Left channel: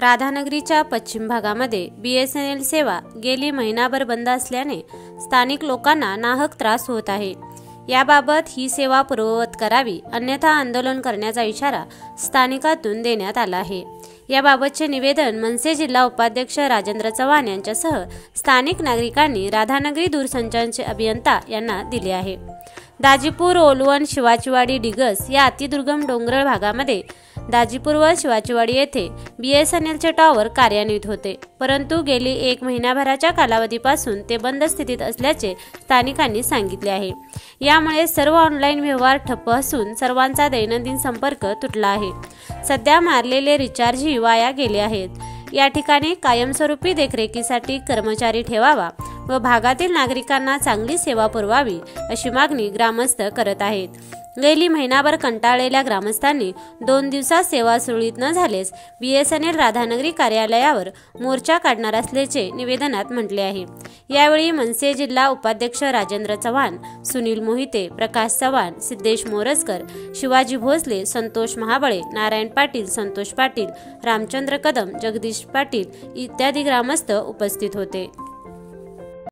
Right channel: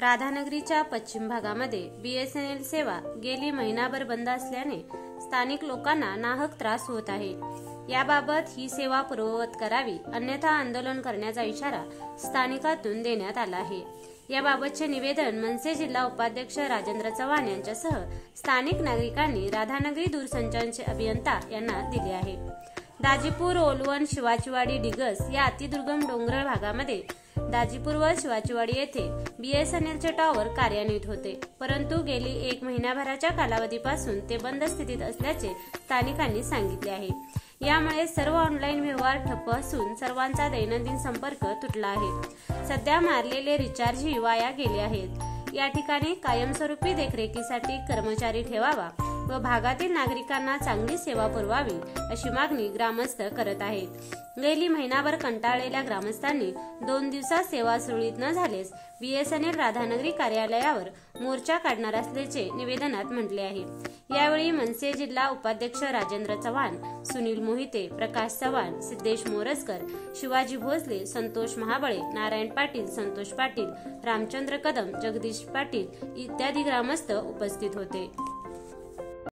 राधानगरीच्या पश्चिम भागामध्ये BSNL सेवा गेली महिनाभर बंद असल्याने स्थानिक लोकांना नाहक त्रास होत आहे। याबाबत ही सेवा पूर्ववत करावी, अन्यथा आंदोलन करण्याचा इशारा स्थानिकातून देण्यात आला आहे। याबाबतचे निवेदन मनसे जिल्हा उपाध्यक्ष राजेंद्र चव्हाण यांच्यासह स्थानिक नागरिकांनी राधानगरी दूरसंचारचे अभियंता यांना दिले आहे। दाजीपूर, ओलवण, शिवाचीवाडी, डिगस या अतिदुर्गम डोंगराळ भागामध्ये दाजीपूर व शिवाचीवाडी येथे BSNLचे टॉवर कार्यान्वित होते, परंतु गेली 1 महिन्याभराच्या कालावधीपासून ते बंद स्थितीत असल्याचे स्थानिकांनी सांगितले आहे। यामुळे सर्व ऑनलाईन व्यवहार ठप्प असून सर्वांचा दैनंदिन संपर्क तुटला आहे। सध्या मारलेले रिचार्जही वाया गेले आहेत। या ठिकाणी कायमस्वरूपी देखरेखीसाठी कर्मचारी ठेवावा व भागातील नागरिकांना चांगली सेवा पुरवावी अशी मागणी ग्रामस्थ करत आहेत। गेली महिनाभर कंटाळलेल्या ग्रामस्थांनी 2 दिवसात सेवा सुरळीत न झाल्यास BSNL राधानगरी कार्यालयावर मोर्चा काढणार असल्याचे निवेदनात म्हटले आहे। यावेळी मनसे जिल्हा उपाध्यक्ष राजेंद्र चव्हाण, सुनील मोहिते, प्रकाश चव्हाण, सिद्धेश मोरजकर, शिवाजी भोसले, संतोष महाबळे, नारायण पाटील, संतोष पाटील, रामचंद्र कदम, जगदीश पाटील इत्यादी ग्रामस्थ उपस्थित होते।